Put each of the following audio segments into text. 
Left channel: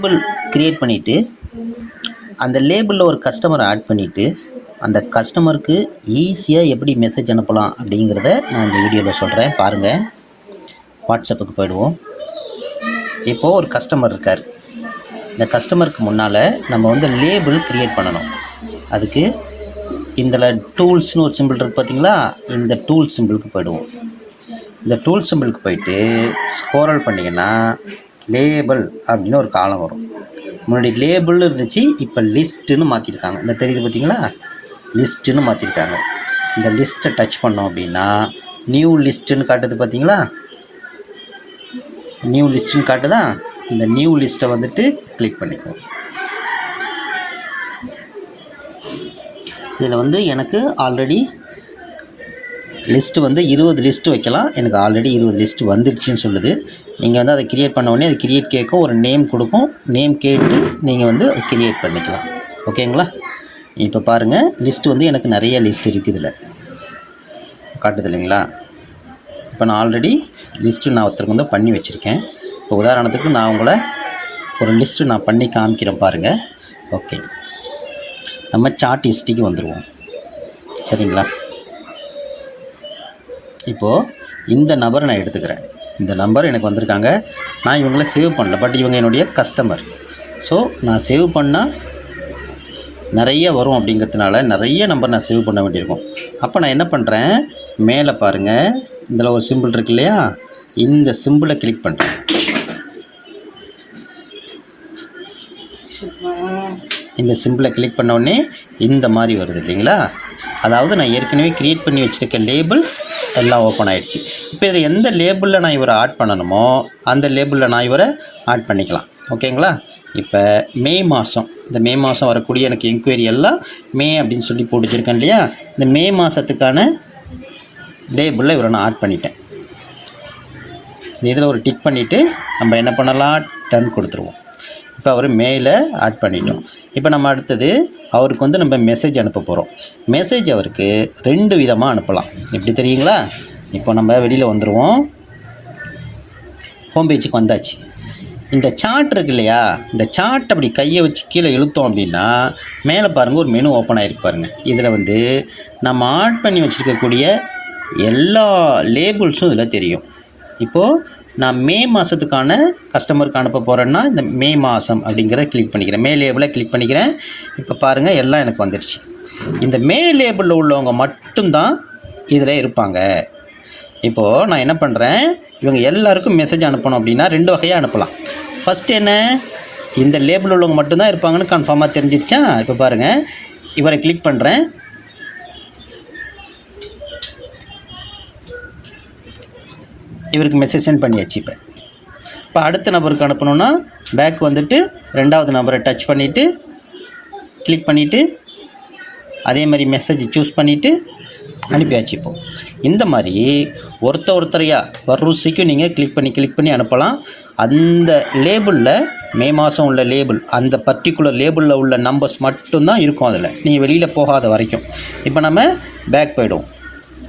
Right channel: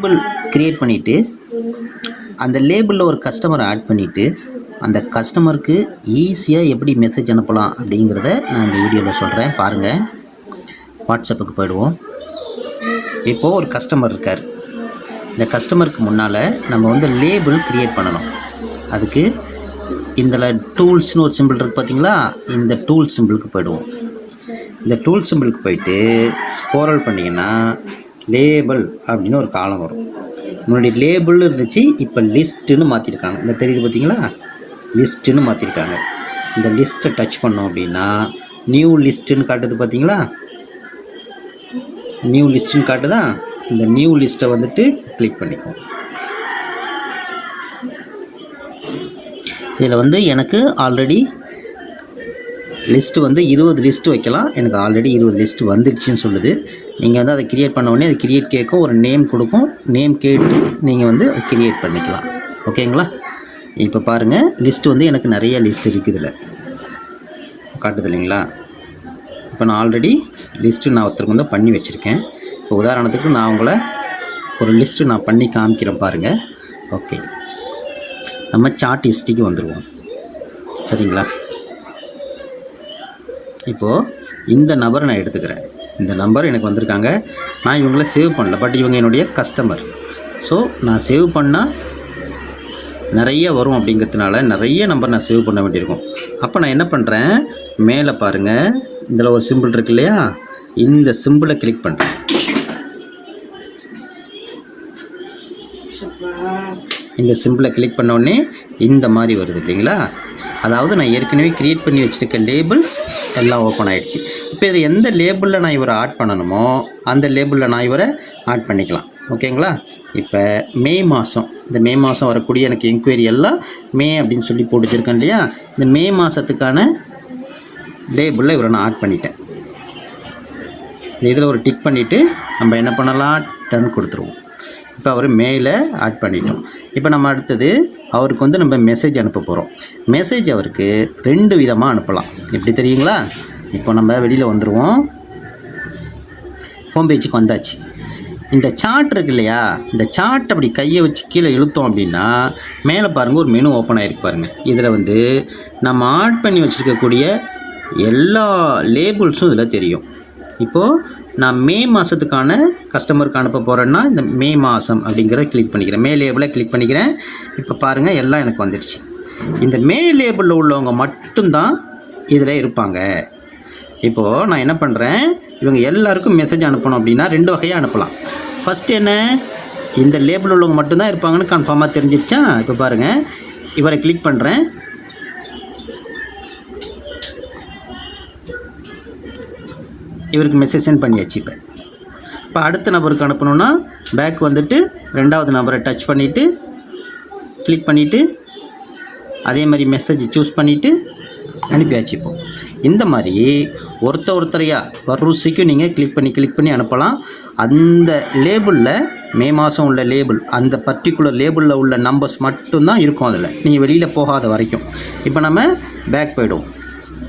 Label create பண்ணிவிட்டு அந்த லேபிளில் ஒரு கஸ்டமரை ஆட் பண்ணிவிட்டு அந்த கஸ்டமருக்கு ஈஸியாக எப்படி மெசேஜ் அனுப்பலாம் அப்படிங்கிறத நான் இந்த வீடியோவில் சொல்கிறேன். பாருங்கள். வாட்ஸ்அப்புக்கு போயிடுவோம். இப்போது ஒரு கஸ்டமர் இருக்கார். இந்த கஸ்டமருக்கு முன்னால் நம்ம வந்து லேபிள் க்ரியேட் பண்ணணும். அதுக்கு இதில் டூல்ஸ்னு ஒரு சிம்பிள் இருக்குது பார்த்தீங்களா, இந்த டூல் சிம்பிளுக்கு போயிடுவோம். இந்த டூல் சிம்பிளுக்கு போயிட்டு ஸ்க்ரோல் பண்ணிங்கன்னா லேபிள் அப்படின்னு ஒரு காலம் வரும். முன்னாடி லேபிள் இருந்துச்சு, இப்போ லிஸ்ட்டுன்னு மாற்றிருக்காங்க. இந்த தெரியுது பார்த்தீங்களா, லிஸ்ட்டுன்னு மாற்றிருக்காங்க. இந்த லிஸ்ட்டை டச் பண்ணோம் அப்படின்னா நியூ லிஸ்ட்டுன்னு காட்டுது பார்த்தீங்களா, நியூ லிஸ்ட்டுன்னு காட்டுதா. இந்த நியூ லிஸ்ட்டை வந்துட்டு கிளிக் பண்ணிக்குவோம். இதில் வந்து எனக்கு ஆல்ரெடி லிஸ்ட்டு வந்து 20 லிஸ்ட்டு வைக்கலாம். எனக்கு ஆல்ரெடி 20 லிஸ்ட்டு வந்துடுச்சுன்னு சொல்லுது. நீங்கள் வந்து அதை க்ரியேட் பண்ண உடனே அது க்ரியேட் கேட்கும், ஒரு நேம் கொடுக்கும். நேம் கேட்டு நீங்கள் வந்து அதை க்ரியேட் பண்ணிக்கலாம். ஓகேங்களா. இப்போ பாருங்கள், லிஸ்ட்டு வந்து எனக்கு நிறைய லிஸ்ட் இருக்குது. இதில் காட்டுது இல்லைங்களா. இப்போ நான் ஆல்ரெடி லிஸ்ட்டு நான் ஒருத்தருக்கு வந்து பண்ணி வச்சுருக்கேன். இப்போ உதாரணத்துக்கு நான் உங்களை ஒரு லிஸ்ட்டு நான் பண்ணி காமிக்கிறேன் பாருங்கள். ஓகே, நம்ம சார்ட் ஹிஸ்ட்ரிக்கு வந்துடுவோம். சரிங்களா. இப்போது இந்த நம்பரை நான் எடுத்துக்கிறேன். இந்த நம்பர் எனக்கு வந்திருக்காங்க. நான் இவங்கள சேவ் பண்ணல, பட் இவங்க என்னுடைய கஸ்டமர். ஸோ நான் சேவ் பண்ணால் நிறைய வரும் அப்படிங்கிறதுனால நிறைய நம்பர் நான் சேவ் பண்ண வேண்டியிருக்கும். அப்போ நான் என்ன பண்ணுறேன், மேலே பாருங்கள், இதில் ஒரு சிம்பிள் இருக்கு இல்லையா, இந்த சிம்பிளை கிளிக் பண்ணுறேன். இந்த சிம்பிளை கிளிக் பண்ண உடனே இந்த மாதிரி வருது இல்லைங்களா. அதாவது நான் ஏற்கனவே க்ரியேட் பண்ணி வச்சுருக்க லேபிள்ஸ் எல்லாம் ஓப்பன் ஆகிடுச்சு. இப்போ இதை எந்த லேபிளில் நான் இவரை ஆட் பண்ணணுமோ அந்த லேபிளில் நான் இவரை ஆட் பண்ணிக்கலாம். ஓகேங்களா. இப்போ மே மாதம், இந்த மே மாதம் வரக்கூடிய எனக்கு என்கொயரி எல்லாம் மே அப்படின்னு சொல்லி போட்டுச்சிருக்கேன் இல்லையா. இந்த மே மாதத்துக்கான லேபிளில் இவரை நான் ஆட் பண்ணிட்டேன். இந்த இதில் ஒரு டிக் பண்ணிவிட்டு நம்ம என்ன பண்ணலாம், டன் கொடுத்துருவோம். இப்போ அவர் மேலே ஆட் பண்ணிட்டோம். இப்போ நம்ம அடுத்தது அவருக்கு வந்து நம்ம மெசேஜ் அனுப்ப போகிறோம். மெசேஜ் அவருக்கு 2 விதமாக அனுப்பலாம். எப்படி தெரியுங்களா. இப்போ நம்ம வெளியில் வந்துடுவோம். ஹோம் பேஜுக்கு வந்தாச்சு. இந்த சார்ட் இருக்கு இல்லையா, இந்த சார்ட் அப்படி கையை வச்சு கீழே இழுத்தோம் அப்படின்னா மேலே பாருங்கள் ஒரு மெனு ஓப்பன் ஆகிருக்கு பாருங்கள். இதில் வந்து நம்ம ஆட் பண்ணி வச்சுருக்கக்கூடிய எல்லா லேபிள்ஸும் இதில் தெரியும். இப்போது நான் மே மாதத்துக்கான கஸ்டமருக்கு அனுப்ப போகிறேன்னா இந்த மே மாதம் அப்படிங்கிறத கிளிக் பண்ணிக்கிறேன். மே லேபிளை கிளிக் பண்ணிக்கிறேன். இப்போ பாருங்கள் எல்லாம் எனக்கு வந்துடுச்சு. இந்த மே லேபிளில் உள்ளவங்க மட்டும்தான் இதில் இருப்பாங்க. இப்போது நான் என்ன பண்ணுறேன், இவங்க எல்லாருக்கும் மெசேஜ் அனுப்பணும் அப்படின்னா 2 வகையாக அனுப்பலாம். ஃபஸ்ட்டு என்ன, இந்த லேபிள் உள்ளவங்க மட்டும்தான் இருப்பாங்கன்னு கன்ஃபார்மாக தெரிஞ்சிடுச்சா. இப்போ பாருங்கள், இவரை கிளிக் பண்ணுறேன். இவருக்கு மெசேஜ் சென்ட் பண்ணியாச்சு. இப்போ அடுத்த நபருக்கு அனுப்பணுன்னா பேக் வந்துட்டு 2வது நம்பரை டச் பண்ணிவிட்டு கிளிக் பண்ணிவிட்டு அதே மாதிரி மெசேஜ் சூஸ் பண்ணிவிட்டு அனுப்பியாச்சு. இப்போ இந்த மாதிரி ஒருத்தரையாக வரிசைக்கும் நீங்கள் கிளிக் பண்ணி அனுப்பலாம். அந்த லேபிளில் மே மாதம் உள்ள லேபிள், அந்த பர்டிகுலர் லேபிளில் உள்ள நம்பர்ஸ் மட்டும்தான் இருக்கும் அதில், நீங்கள் வெளியில் போகாத வரைக்கும். இப்போ நம்ம பேக் போய்டுவோம்.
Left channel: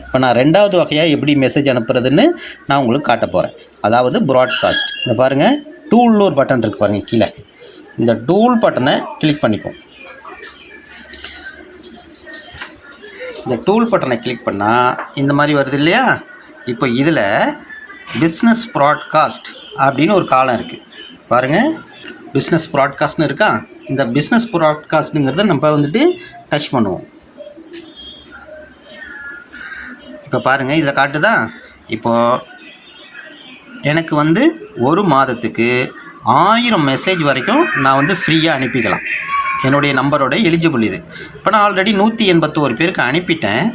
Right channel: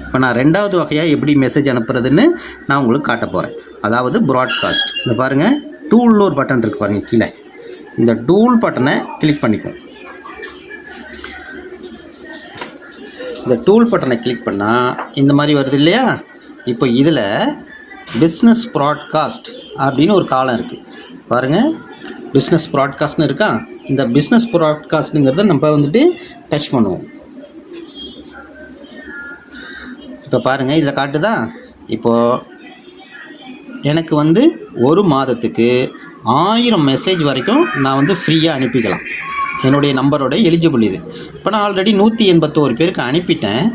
இப்போ நான் 2வது வகையாக எப்படி மெசேஜ் அனுப்புறதுன்னு நான் உங்களுக்கு காட்ட போகிறேன். அதாவது ப்ராட்காஸ்ட். இந்த பாருங்கள், டூல்னு ஒரு பட்டன் இருக்குது பாருங்கள் கீழே. இந்த டூல் பட்டனை கிளிக் பண்ணிக்கும். இந்த டூல் பட்டனை கிளிக் பண்ணால் இந்த மாதிரி வருது இல்லையா. இப்போ இதில் பிஸ்னஸ் ப்ராட்காஸ்ட் அப்படின்னு ஒரு காலம் இருக்குது பாருங்கள். பிஸ்னஸ் ப்ராட்காஸ்ட்னு இருக்கா. இந்த பிஸ்னஸ் ப்ராட்காஸ்ட்டுங்கிறத நம்ம வந்துட்டு டச் பண்ணுவோம். இப்போ பாருங்கள், இதில் காட்டுதா. இப்போது எனக்கு வந்து ஒரு மாதத்துக்கு 1000 மெசேஜ் வரைக்கும் நான் வந்து ஃப்ரீயாக அனுப்பிக்கலாம். என்னுடைய நம்பரோட எலிஜிபிள் இது. இப்போ நான் ஆல்ரெடி 181 பேருக்கு அனுப்பிட்டேன்.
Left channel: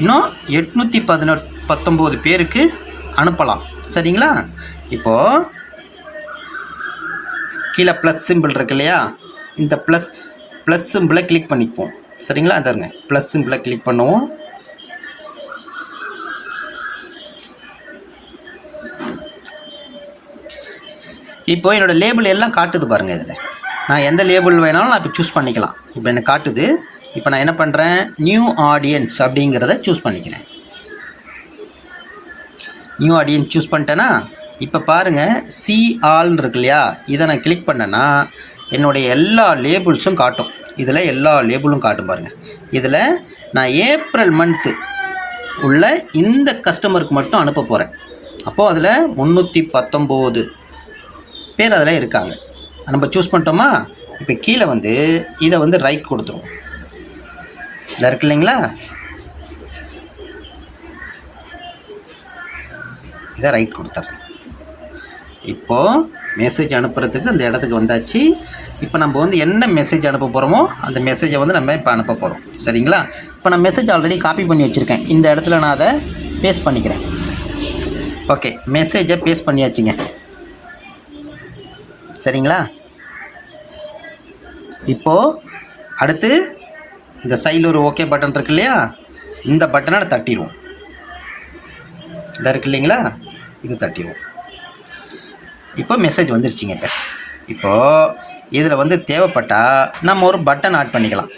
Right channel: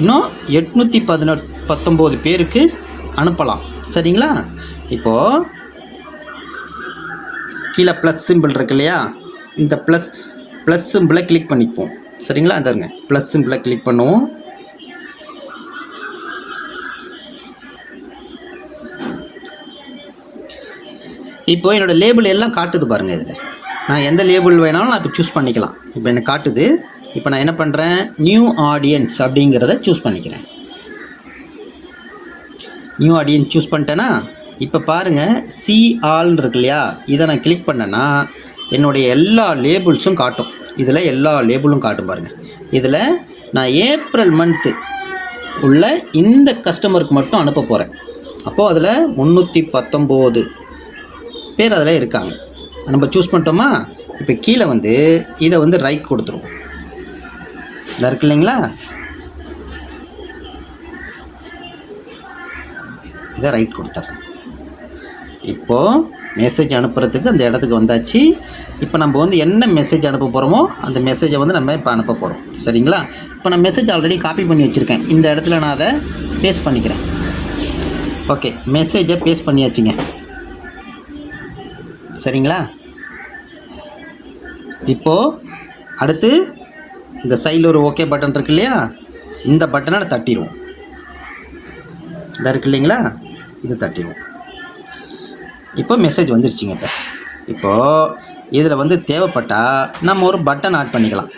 இன்னும் 819 பேருக்கு அனுப்பலாம். சரிங்களா. இப்போது கீழே ப்ளஸ் சிம்பிள் இருக்கு இல்லையா, இந்த ப்ளஸ் சிம்பிளை கிளிக் பண்ணிப்போம். சரிங்களா. அதாருங்க ப்ளஸ் சிம்பிளை கிளிக் பண்ணுவோம். இப்போ என்னோடய லேபிள் எல்லாம் காட்டுது பாருங்கள். இதில் நான் எந்த லேபிள் வேணாலும் நான் இப்போ சூஸ் பண்ணிக்கலாம். இப்போ எனக்கு காட்டுது. இப்போ நான் என்ன பண்ணுறேன், நியூ ஆடியன்ஸ் அப்படிங்கிறத சூஸ் பண்ணிக்கிறேன். நியூ ஆடியன்ஸ் சூஸ் பண்ணிட்டேன்னா இப்போ பாருங்கள், சி ஆல்னு இருக்கு இல்லையா, இதை நான் கிளிக் பண்ணேன்னா என்னுடைய எல்லா லேபிள்ஸும் காட்டும். இதில் எல்லா லேபிளும் காட்டும் பாருங்கள். இதில் நான் ஏப்ரல் மந்த்து உள்ள இந்த கஸ்டமருக்கு மட்டும் அனுப்ப போகிறேன். அப்போது அதில் 319 பேர் அதில் இருக்காங்க. நம்ம சூஸ் பண்ணிட்டோமா? இப்போ கீழே வந்து இதை வந்து ரைட் கொடுத்துருவோம். இதாக இருக்கு இல்லைங்களா, இதை ரைட் கொடுத்துட்றேன். இப்போது மெசேஜ் அனுப்புறதுக்கு அந்த இடத்துக்கு வந்தாச்சு. இப்போ நம்ம வந்து என்ன மெசேஜ் அனுப்ப போகிறோமோ அந்த மெசேஜை வந்து நம்ம இப்போ அனுப்ப போகிறோம். சரிங்களா? இப்போ நான் மெசேஜ் ஆல்ரெடி காப்பி பண்ணி வச்சுருக்கேன். இந்த இடத்துல நான் அதை பேஸ்ட் பண்ணிக்கிறேன். ஓகே, மெசேஜை பேஸ்ட் பண்ணியாச்சுங்க. சரிங்களா? இப்போது அடுத்து இந்த சைடில் ஒரு ஓகே பட்டன் இருக்கு இல்லையா, இந்த பட்டனை தட்டிடுவோம். இதாக இருக்கு இல்லைங்களா, இது தட்டிடுவோம். இப்போ மெசேஜ் வந்துருச்சுங்க. இப்போது இதில் வந்து தேவைப்பட்டால் நம்ம ஒரு பட்டன் ஆட் பண்ணிக்கலாம்.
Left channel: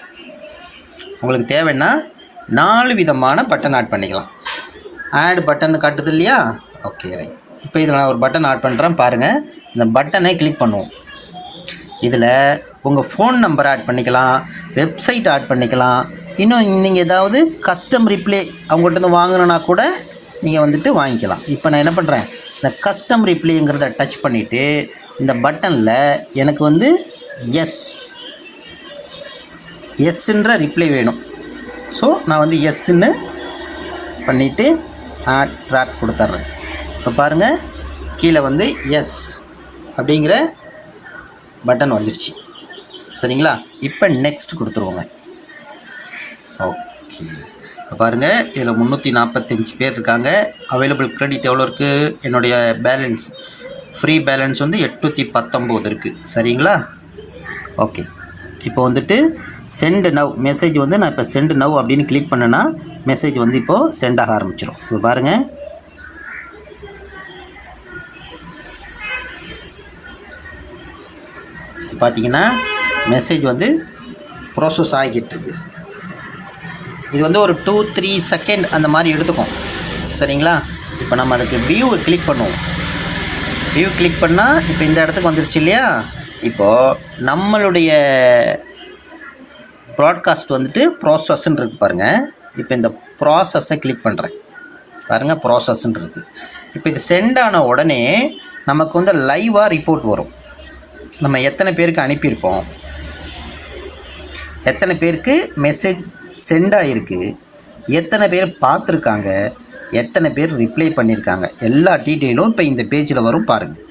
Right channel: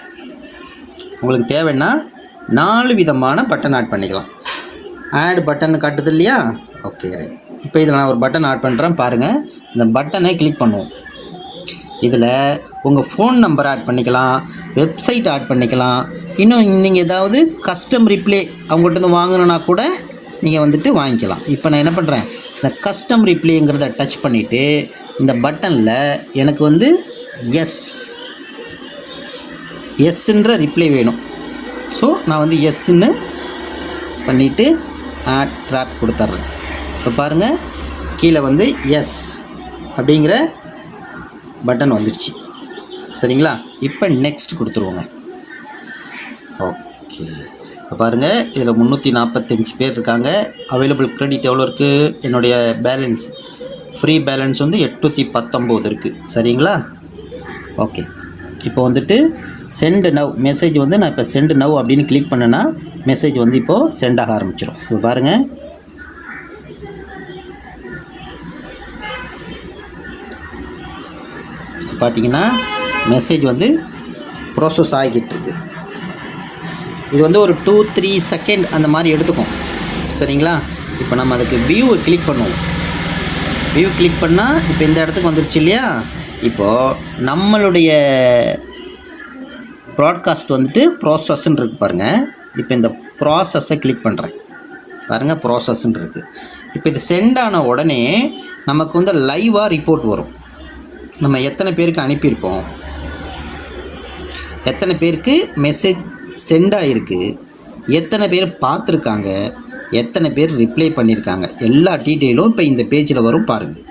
உங்களுக்கு தேவைன்னா 4 விதமான பட்டன் ஆட் பண்ணிக்கலாம். ஆட் பட்டன் காட்டுது இல்லையா, ஓகே ரைட். இப்போ இதில் நான் ஒரு பட்டன் ஆட் பண்ணுறேன் பாருங்கள். இந்த பட்டனை கிளிக் பண்ணுவோம். இதில் உங்கள் ஃபோன் நம்பர் ஆட் பண்ணிக்கலாம், வெப்சைட் ஆட் பண்ணிக்கலாம். இன்னும் நீங்கள் ஏதாவது கஸ்டம் ரிப்ளே அவங்கள்ட்ட வாங்கணுன்னா கூட நீங்கள் வந்துட்டு வாங்கிக்கலாம். இப்போ நான் என்ன பண்ணுறேன், இந்த கஸ்டம் ரிப்ளேங்கிறத டச் பண்ணிவிட்டு இந்த பட்டனில் எனக்கு வந்து எஸ்ன்ற ரிப்ளை வேணும். ஸோ நான் வந்து எஸ்ன்னு பண்ணிவிட்டு ஆட் ட்ராப் கொடுத்துட்றேன். இப்போ பாருங்கள், கீழே வந்து எஸ் அப்படிங்கிற பட்டன் வந்துடுச்சு. சரிங்களா? இப்போ நெக்ஸ்ட் கொடுத்துருவோங்க. ஓகே, இப்போ பாருங்கள், இதில் 345 பேர் இருக்காங்க. அவைலபிள் கிரெடிட் எவ்வளோ இருக்குது? என்னுடைய பேலன்ஸ், ஃப்ரீ பேலன்ஸ் வந்து 819 இருக்குது. சரிங்களா? ஓகே, இப்போ வந்துட்டு சென்ட் நவ் மெசேஜ் வந்து நான் இப்போ சென்ட் நவ் அப்படின்னு கிளிக் பண்ணேன்னா மெசேஜ் வந்து இப்போது சென்ட் ஆக ஆரம்பிச்சிடும். இப்போ பாருங்கள், பார்த்தீங்கன்னா மெசேஜ் வந்து ப்ராசஸ் ஆகிக்கிட்டு இருக்கு. இது வந்து ஒரு 2-3 செகண்ட் அந்த மாதிரி எடுத்துக்கும். சரிங்களா? இப்போ நம்ம அதுக்கு வியூவை கிளிக் பண்ணுவோம். வியூ கிளிக் பண்ணால் இப்போ இந்த இடத்துக்கு வந்துடுச்சு இல்லையா. இப்போது நம்மளுடைய ப்ராட்காஸ்ட் வந்துட்டு ப்ராசஸ்ன்னு இருக்குது பாருங்கள். இப்போ இந்த ப்ராசஸை கிளிக் பண்ணுறேன் பாருங்கள், ப்ராசஸ்ன்னு இருக்குது. இப்போ இது சென்ட் ஆன உடனே நமக்கு வந்து லைவாக ரிப்போர்ட் வரும். நம்ம எத்தனை பேருக்கு அனுப்பியிருப்போம், எத்தனை பேருக்கு மெசேஜ் சென்ட் ஆகிருக்கு, எத்தனை பேர் பார்த்துருக்காங்க, எத்தனை பேர் ரிப்ளை பண்ணியிருக்காங்க, எல்லா டீட்டெயிலும் இப்போ இந்த பேஜில் வரும் பாருங்கள்.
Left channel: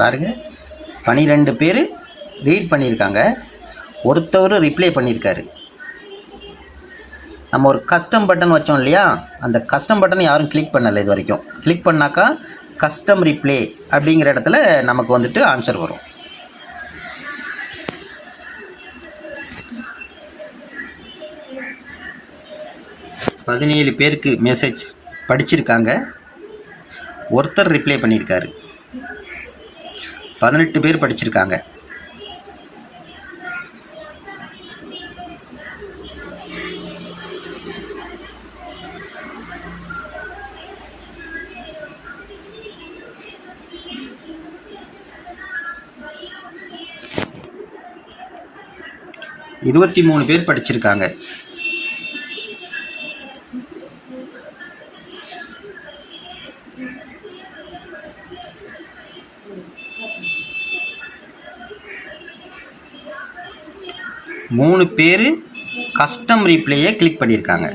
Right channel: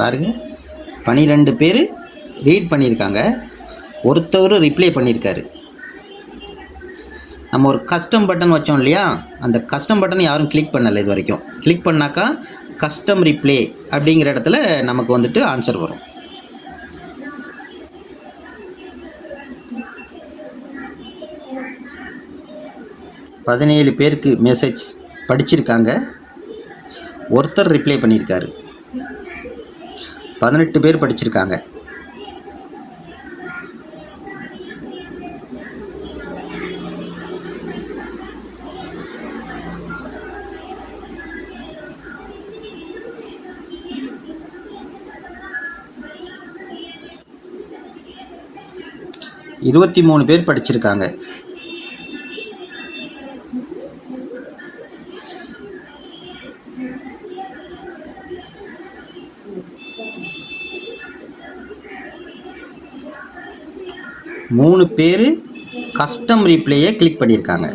பாருங்கள், 12 பேர் ரீட் பண்ணியிருக்காங்க, ஒருத்தவர் ரிப்ளை பண்ணியிருக்காரு. நம்ம ஒரு கஸ்டம் பட்டன் வச்சோம் இல்லையா, அந்த கஸ்டம் பட்டன் யாரும் கிளிக் பண்ணலை இது வரைக்கும். கிளிக் பண்ணாக்கா கஸ்டம் ரிப்ளே அப்படிங்கிற இடத்துல நமக்கு வந்துட்டு ஆன்சர் வரும். பதினேழு பேருக்கு மெசேஜ் படிச்சிருக்காங்க, ஒருத்தர் ரிப்ளை பண்ணியிருக்காரு. 18 பேர் படிச்சிருக்காங்க. இருபத்தி 3 பேர் படிச்சிருக்காங்க. மூணு பேர் கஸ்டம் ரீப்ளேயை கிளிக் பண்ணியிருக்காங்க.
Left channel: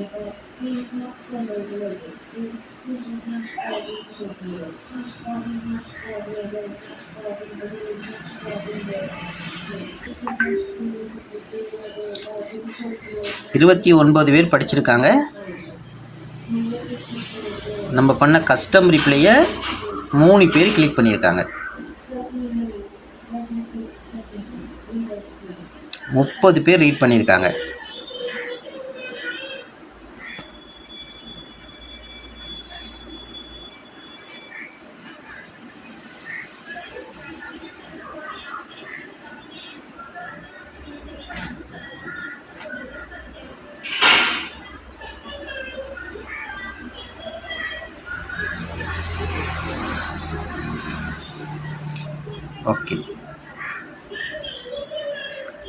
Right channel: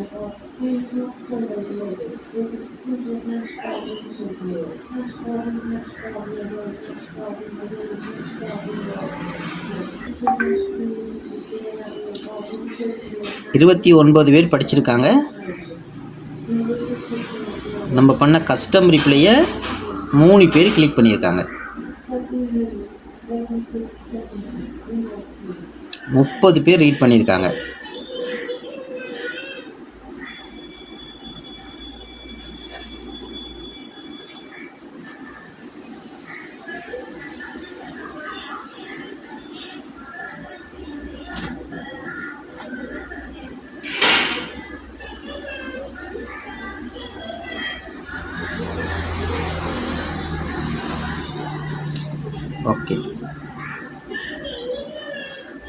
இருபத்தி 9 பேர் படிச்சிருக்காங்க. நம்ம பண்ண கஸ்டம் ரிப்ளையை 3 பேர் கிளிக் பண்ணியிருக்காங்க. 30 பேர் ரீட் பண்ணியிருக்காங்க.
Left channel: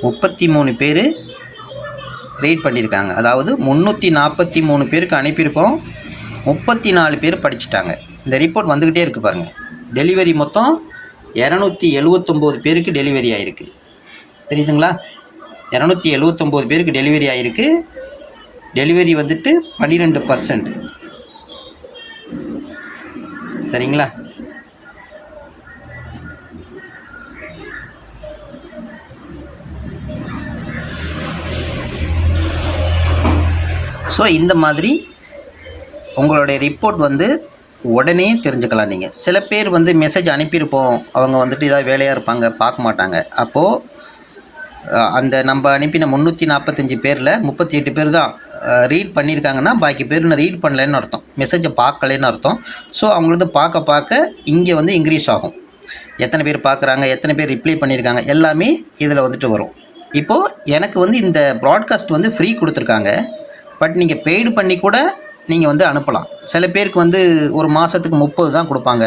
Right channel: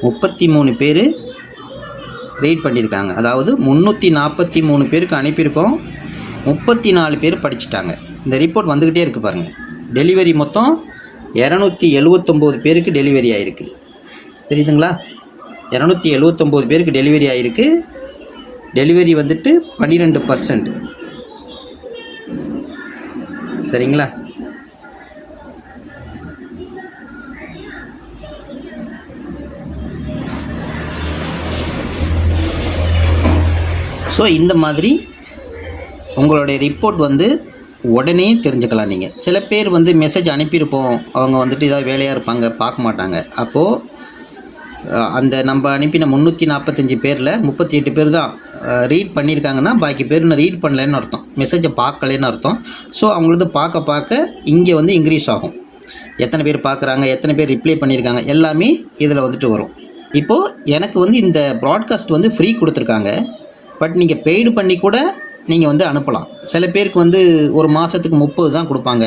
33 பேர் ரீட் பண்ணியிருக்காங்க. அதாவது 343 பேருக்கு அனுப்பியிருக்கோம், 34 பேர் படிச்சுட்டாங்க. இந்த ரிப்போர்ட் வந்துக்கிட்டே இருக்குது பாருங்கள். டெலிவரி மொத்தம் 279 பேருக்கு டெலிவரி ஆகிருக்கு. தெரியுதுங்களா? 279 பேருக்கு டெலிவரி ஆகிருக்கு. டெலிவரி வந்துட்டு 12%. சரிங்களா? ஸோ இந்த மாதிரி உங்களுடைய ரிப்போர்ட் வந்து உடனே தெரிஞ்சுக்கலாம். நீங்கள் சில பேர் வந்து மெசேஜ் அனுப்பியிருப்போம், அவங்க வந்துட்டு ஏதாவது வேலையாக இருப்பாங்க, பார்க்க மாட்டாங்க. அப்போது அந்த நம்ம அனுப்பின 345 பேரில் 38 பேர் தான் ரீட் பண்ணியிருக்காங்கன்னா, பாக்கி பேர் ரீட் பண்ணலைன்னு அர்த்தம், மெசேஜை பார்க்கலைன்னு அர்த்தம். ஸோ அவங்களது பார்க்க இங்கே வந்து இன்க்ரீஸ் ஆகும். எத்தனை பேர் பார்க்குறாங்க, எத்தனை பேர் ரிப்ளை பண்ணியிருக்காங்க, எல்லாமே இதில் வந்துட்டு வரும். இப்போது எனக்கு வந்து இந்த ப்ராட்காஸ்ட் வந்து ஃப்ரீ கொடுத்துருக்காங்க. பட் நீங்கள் பெய்டு பண்ணி கூட நீங்கள் வந்து அனுப்பலாம். சில பேருக்கு வந்து ஒரு மாதத்துக்கு 30 தான் கொடுப்பாங்க,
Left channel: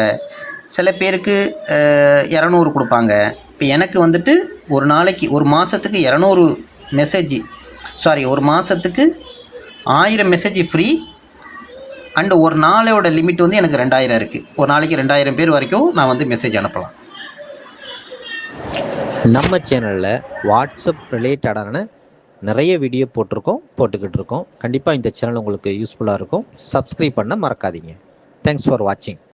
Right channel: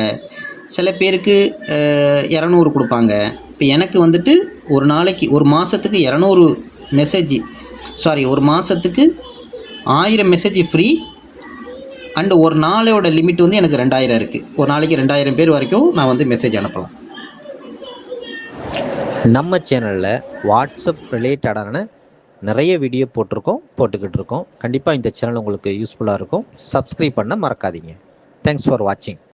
சில பேருக்கு 200 கொடுப்பாங்க. இப்போ எனக்கு வந்துட்டு ஒரு நாளைக்கு ஒரு மாதத்துக்கு 200 மெசேஜ், ஒரு மாதத்துக்கு 1000 மெசேஜ் ஃப்ரீ. அண்டு ஒரு நாளோட லிமிட் வந்து எனக்கு 2000 இருக்குது. ஒரு நாளைக்கு 2000 பேர் வரைக்கும் நான் வந்து மெசேஜ் அனுப்பலாம். நம்ம சேனலில் வாட்ஸ்அப் ரிலேட்டடான நிறைய வீடியோ போட்டுக்கிட்டு இருக்கோம். கண்டிப்பாக இந்த சேனல் உங்களுக்கு யூஸ்ஃபுல்லாக இருக்கும். சப்ஸ்கிரைப் பண்ண மறக்காதீங்க. தேங்க்ஸ் ஃபார் வாட்சிங்.